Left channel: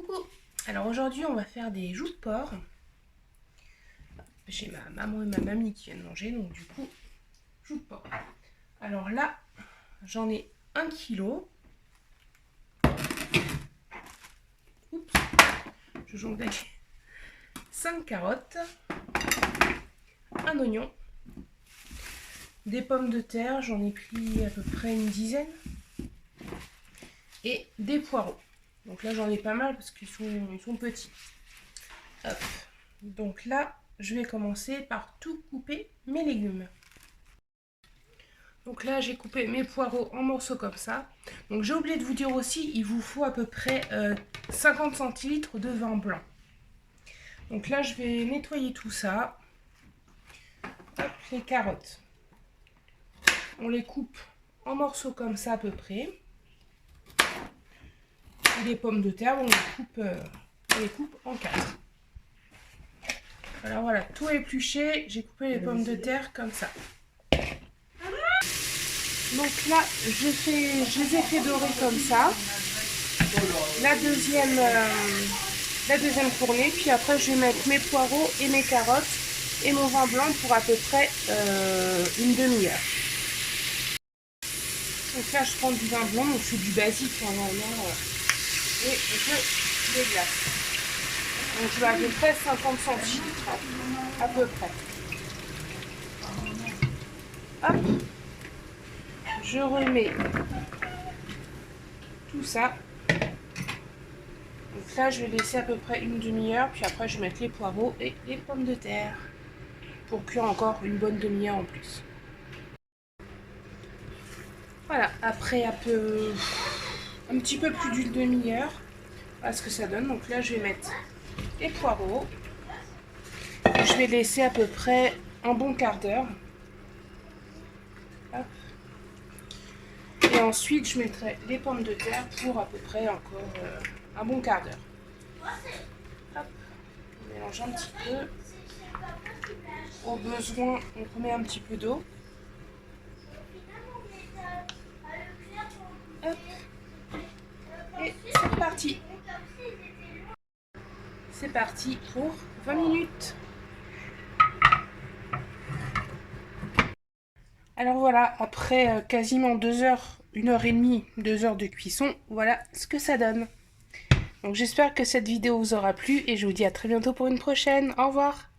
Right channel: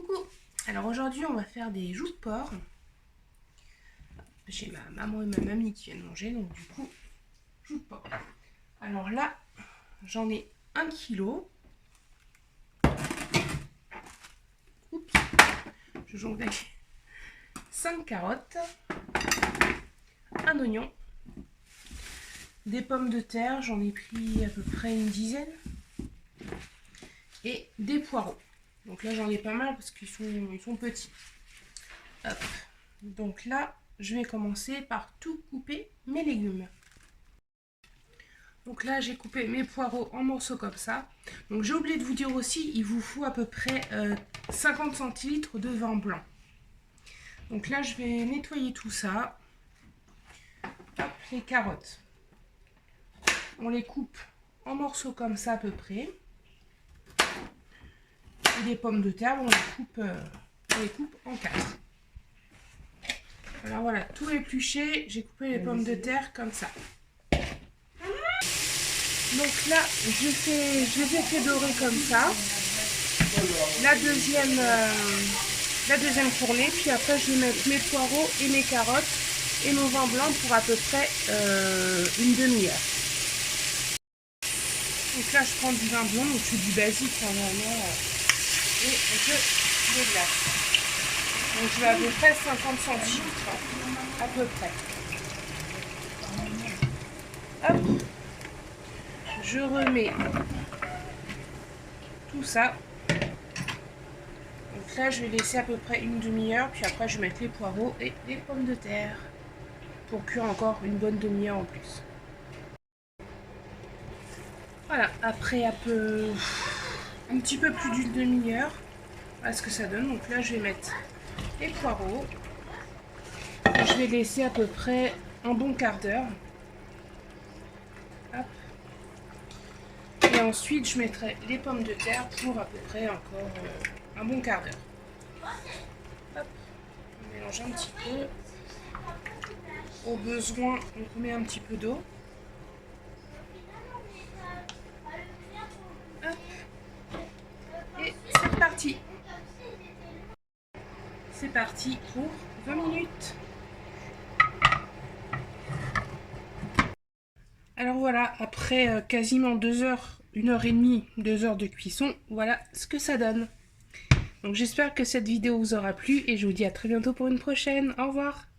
Coucou! Alors aujourd'hui on va faire des joues de porc. J'ai ma maman et ma mamie qui viennent manger, donc du coup, joues de porc. Alors là, j'en ai 1 kg. Oups, je jongle avec 5 carottes, un oignon, des pommes de terre, j'en ai pris à peu près une dizaine, et des poireaux. Donc là j'en ai pas mal parce qu'ils sont petits. Hop. Donc là, je vais commencer par tout couper mes légumes. Donc là, j'ai coupé mes poireaux en morceaux comme ça. Donc j'ai oublié de vous dire aussi, il vous faut à peu près 50 centilitres de vin blanc. Donc là, je vais nettoyer tout ça. Hop, les carottes. On les coupe en morceaux comme ça à peu près. Et les pommes de terre, on les coupe en 4. Alors voilà, tout épluché, j'ai coupé les pommes de terre comme ça. Donc là, je les ai fait dorer comme ça. La deuxième fournée, puis après je vais mettre mes poireaux et mes carottes et mon vin blanc pour à peu près une demi-heure. Donc là, je prends du vin blanc, donc c'est du basique normalement, et je les glace. Donc je vais à peu près 50 centilitres, à peu près. Hop, je remets tout ça. Donc là, je vais laisser à peu près une demi-heure, puis après je vais mettre les poireaux et les pommes de terre pour cuire encore une bonne demi-heure en plus. Voilà, après un petit peu plus d'une demi-heure, voilà ce que ça donne. Donc là, je vais mettre les poireaux. Je vais laisser à peu près un bon quart d'heure. Et ensuite, je mettrai les pommes de terre pour à peu près encore un bon quart d'heure. Hop, on mélange un petit peu. Au besoin, on remet un petit peu d'eau. Hop, et c'est parti. C'est parti pour 20 minutes. Alors voilà, après quasiment 2 heures, 1h30, 2 heures de cuisson, voilà ce que ça donne. Donc j'espère que cette vidéo vous aura plu et je vous dis à très bientôt pour une prochaine. Au revoir.